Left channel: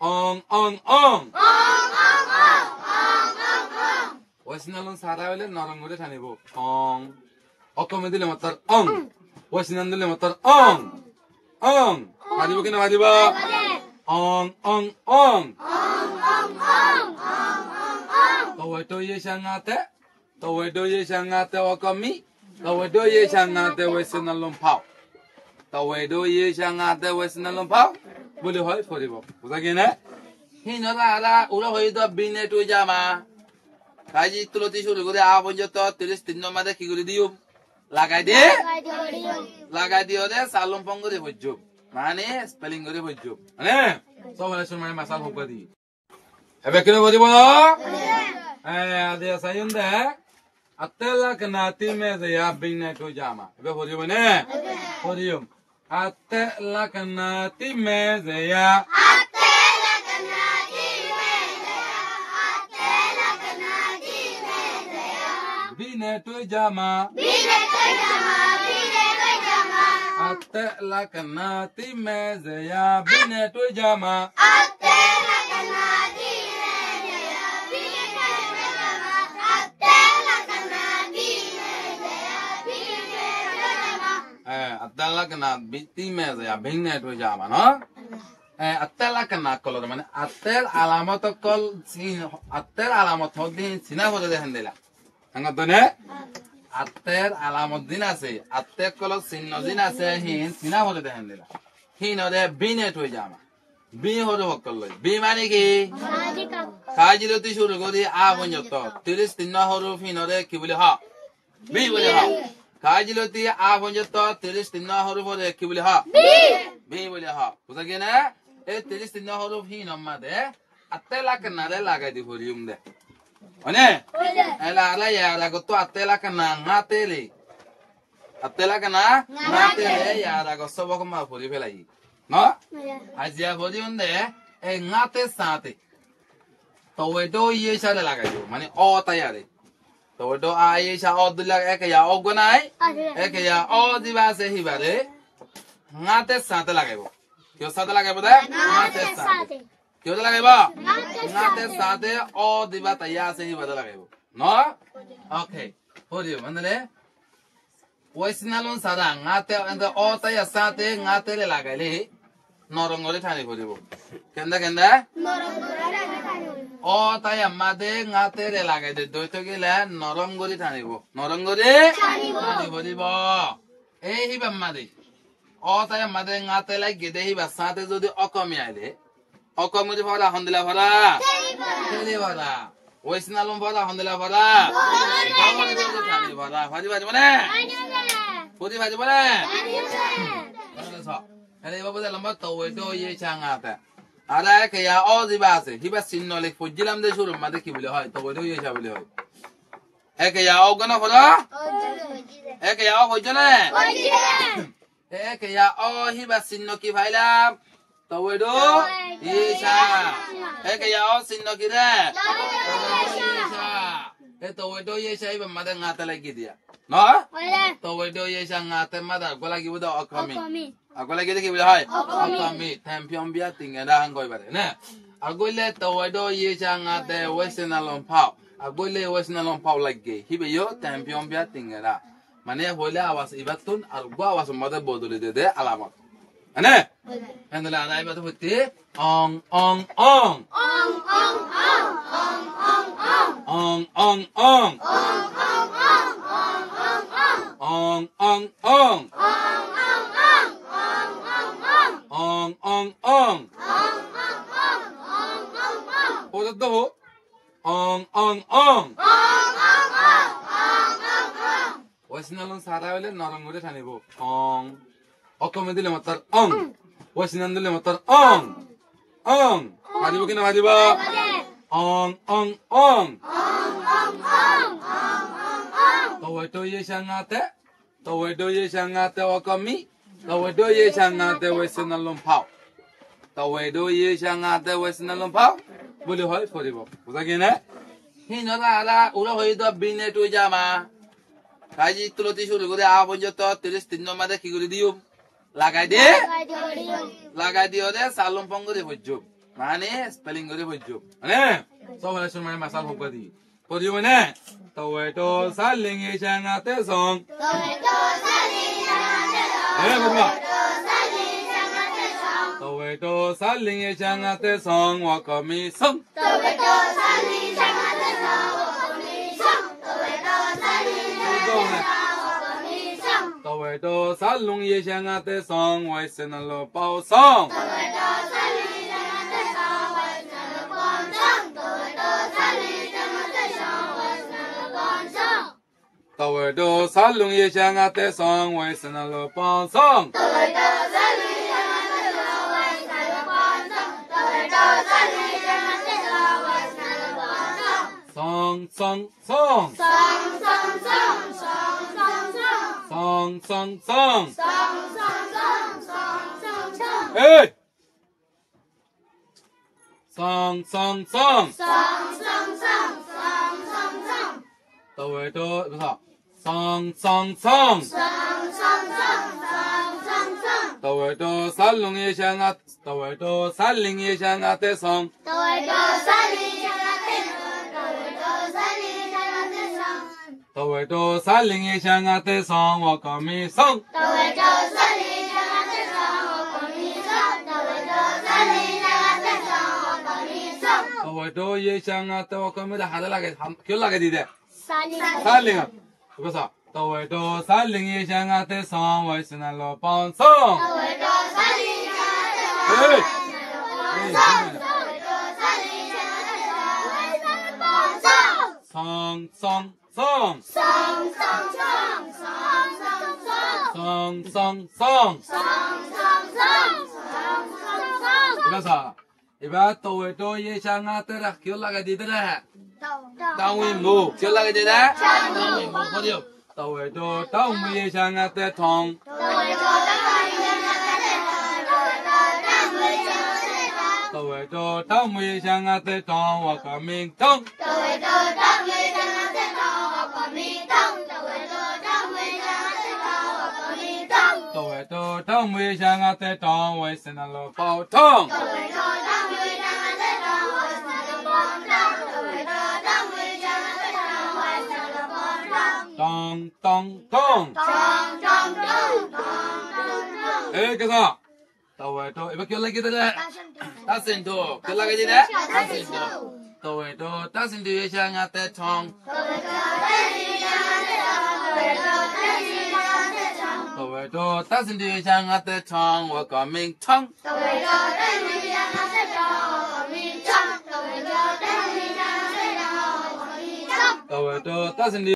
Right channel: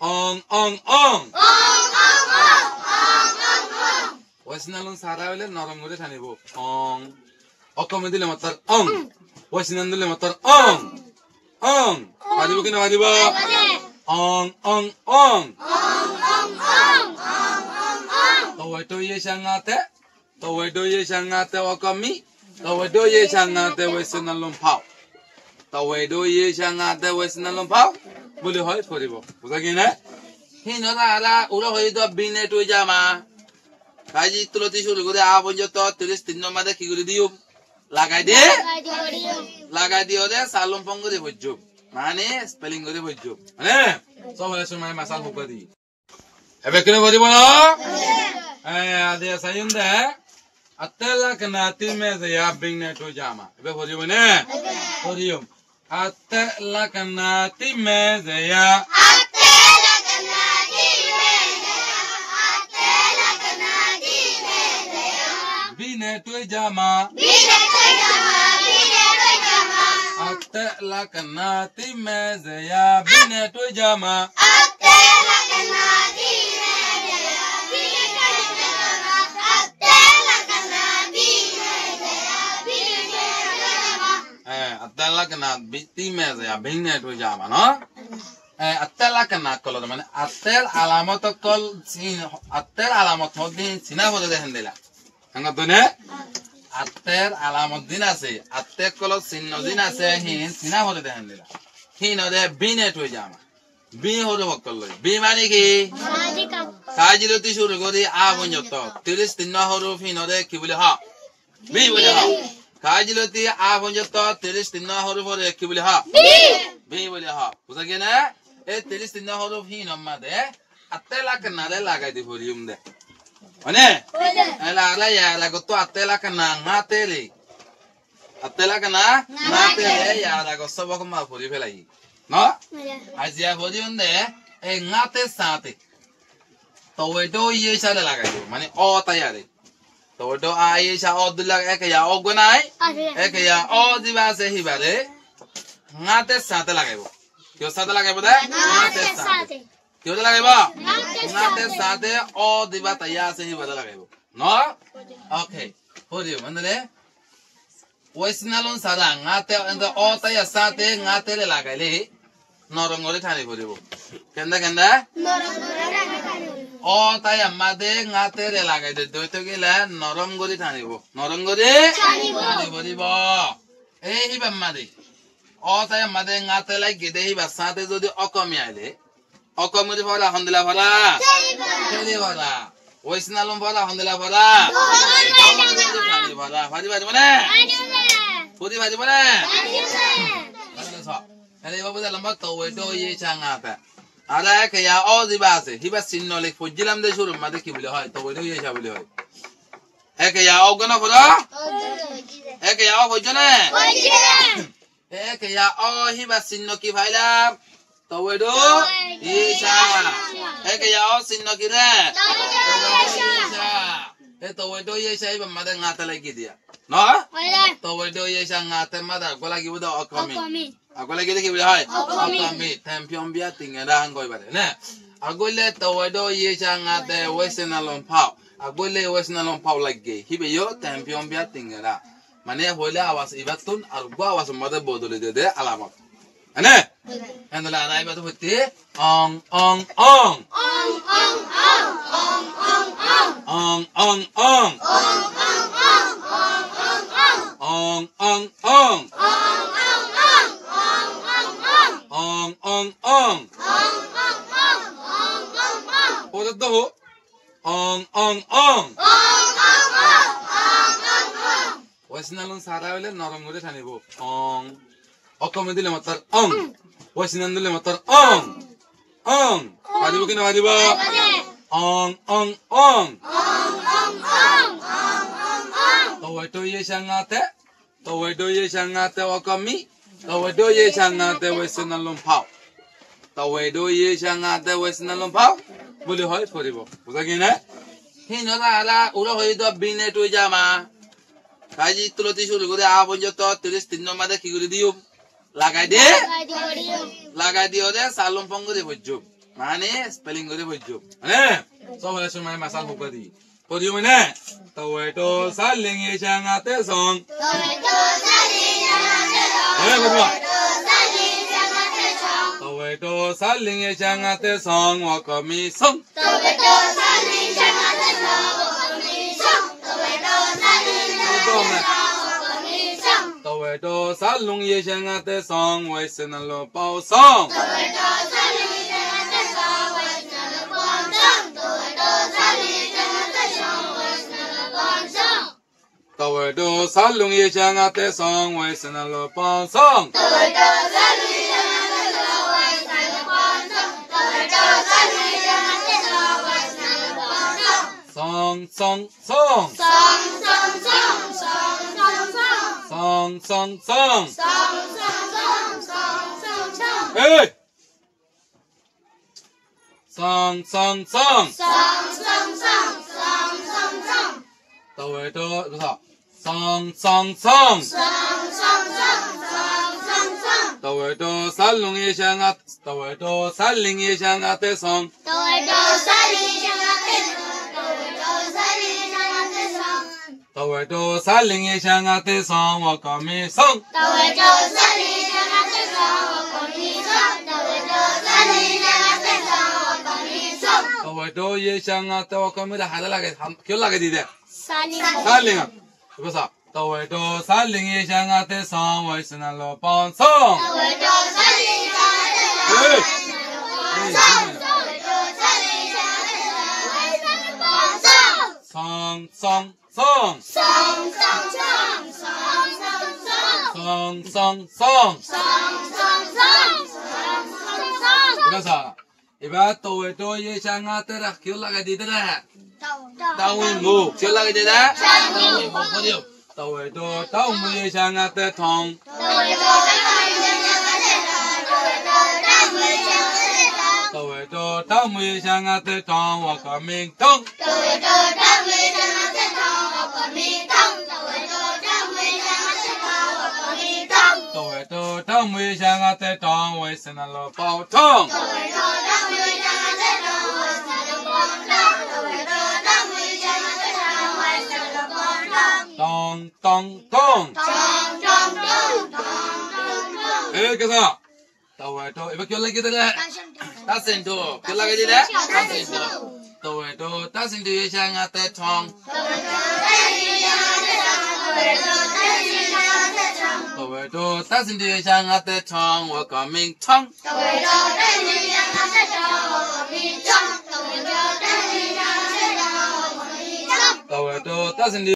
ong ong ong ওয়াসিনালন সারা হইলে নরম করে টানিব অং অকমে দিলে মাত্র অং ওয়াসিনান দিলে মাত্র অং অং মারিব কিনা মারিব অং অং অং তো ইয়ে সাঙ্গাতে অকমি তো ইয়ে সাঙ্গাতে ওয়াসিনালন পাও তো ইয়ে সাঙ্গাতে ওয়াসিনালন পাও বলি হয় পড়িব বুঝা কি না হিনরা আলা উড়া হই দ বিনে তুই জামা কাজি তুলতি শুরু করে আ পর্যন্ত 33 নম্বরে কি করে দিও লাগাই দিও রে সালম পং করে বজ্জো মানে স্পেলিং করে বজ্জো মানে সবাই সময় মাসাল হোক দি এবে কেন বলিব না আদে সাইন দে আতলা কনাতি মে যা বিনে তুই জামা এবে বলিব না বলিও আতলা কনাতি মে যা Bine tu jama Atte la kanati mezeya Bine tu jama Atte la kanati mezeya Bine tu jama Atte la kanati mezeya Bine tu jama Atte la kanati mezeya Bine tu jama no Atte la kanat kolor mane Atte alamat kol Atte alamat hodin sina hode dehen dila Angatone atter alamot din আছে atter কলক চিহ্ন দিন আছে হিন চিনা হতে দেখান দিলা হিন ওরে বিনে তুই জামা বি হরে বকল লই বি মানে কি কাজিলতি শুরু করি আ পর্যন্ত 33 হরফ হিন ওরে কি বলে হা বি বলে হা কাজিলতি আ পর্যন্ত 33 হরফ ওরে কি বলে হা বি বলে হা বুঝা কি না এই 33 হরফ হিন আমাদে atter লাগানারে লাগাই দি ভরিউম দে One? Ala ya la goto atela kana ngatele. Atela kana ngatele ya la goso bako ma puri pelai. No? Azia puri unde e ngate sate. To wedo ye sa la gayo. Mane o tayare. To wedo a ye sa o dula ek ya o gonai. Ek ya o diba se hibare. Ngate sate lagayo. Kyo sate lagayo da? Ngate sate. Kyo lagayo? Ngate sate o diba taya se hibare lagayo. No? Okay. Podium. Andale? Wasinalon sara ngate anga o taya sate ngate le lagale. Norongore thani podibo. Kenda? Norongore thani. O taya made ngate le lagai de doito gila norongore thanibo. Norongore thani podibo. Ei hiba made. O taya made ngate lai gide hiba sate jodi okomi aile. Okomuri phara handila phara. Teli phara. Wasinalon phara handila phara. Thani phara. Phari mane. Podi phari mane. Ele babu da lamba to we do ye changa ta. Ala ke ya o di base. Hiba sinno le fujilam de shuru made ki bile hoy to we do ye cha bile hoy. Eke ya o gona phara. Eke ya o hojane. Eke ya o hiba sinno ki phailam. To we do ye cha. Eke ya o sinno ki re. To we do ye cha hiba made ngata lagi dia. No? To we do ye cha ngata mada gola gi buda okomi. Agola gede ki bile hoy akami tempion bia tingera hangoi bare ne agole tawado ye changa de wesenalon pau agole wesenalon pau lagge hibe yo tempion bia tingera mane hole awas ibatun argo awas made bodole de alamat ane andala alai batu hutti ong ong ong ong ong ong ong ong ong ong ong ong ong ong ong Hold the ho ong ong ong Wasinalon sara hole norom gore thanibo ong okome dile matar ong wasinan dile matar ong maribo kina maribo ong ong ong to ye sangate okami Tawedo ye changate wesenalon pau. Tawedo ye changate wesenalon pau. Boli hoy poribo. Buza kina? Hinora ala ura hoy do bine tu jama. Kaji tuloti shuru kore a pojjont 33 নম্বরে কি করে দিও? লাগাই দিও রে সালম পং করে বজ্জো। Mana spelling gede bojo. Ane, so boleh cuma masal buka di. Podi mana? Taweto saling yang ate song. Taweto saling yang ate song. Eh, kedua. Taweto saling yang ate song. Wakami song. Taweto saling yang ate song. Wakami song. Taweto saling yang ate song. Taweto salung yang ate song. Waisenalo pau song. Taweto saling yang ate song. Waisenalo pau song. Taweto saling yang ate song. Waisenalo pau song. Taweto salung yang ate song. Waisenalo pau song. Taweto salung yang ate song. Waisenalo pau song. Taweto saling yang ate song. Waisenalo pau song. Song song song. Song song song. Song song song. Song song song. Song song song. Song song song. Hey. Song song song. Song song song. Song song song. Taweto bisa. Song song song. Song song song. Song song song. Taweto salung yang at. Taweto saling yang ate song. Taweto saling yang ate song. Taweto saling yang ate song. Taweto saling yang ate song. Wakami song. Taweto saling yang ate song. Wakami song. Taweto saling yang ate song. Wakami song. Taweto yang ate wakami dah ada lagi. Kau lagi di deh. Saling. Saling. Bisa. Taweto saling yang ate song. Waisenalo pau song. Taweto saling yang ate song. Waisenalo pau song. Taweto saling yang ate song. Waisenalo pau song. Song song song. Song song song. Song song song. Song song song. Song song song. Song song song. Bisa. Iba taweto yang ate dah. Kau lagi di deh. Tao nguyên mù, chưa là cái gì đó? Tao nguyên mù có điều. Taweto tao mui yang ate thong. Taweto tao mui yang ate thong. Wakami thong. Taweto tao mui yang ate thong. Wakami thong. Taweto tao mui yang ate thong. Wakami thong. Taweto tao mui yang ate thong. Waisenalo pau thong. Taweto tao mui yang ate thong. Waisenalo pau thong. Taweto tao mui yang ate thong. Waisenalo pau thong. Tong tong tong. Tong tong tong. Tong tong tong. Eh, kesa. Taweto, iba kau lagi tu dah. Tasendu, kau lagi di dah. Tasendu. Taweto, tasendu yang ate thong. Taweto, tasendu yang ate thong. Taweto, tasendu yang ate thong. Wakami thong. Taweto, tasendu yang ate thong. Wakami thong. Taweto, tasendu yang ate thong. Wakami thong. Taweto, tasendu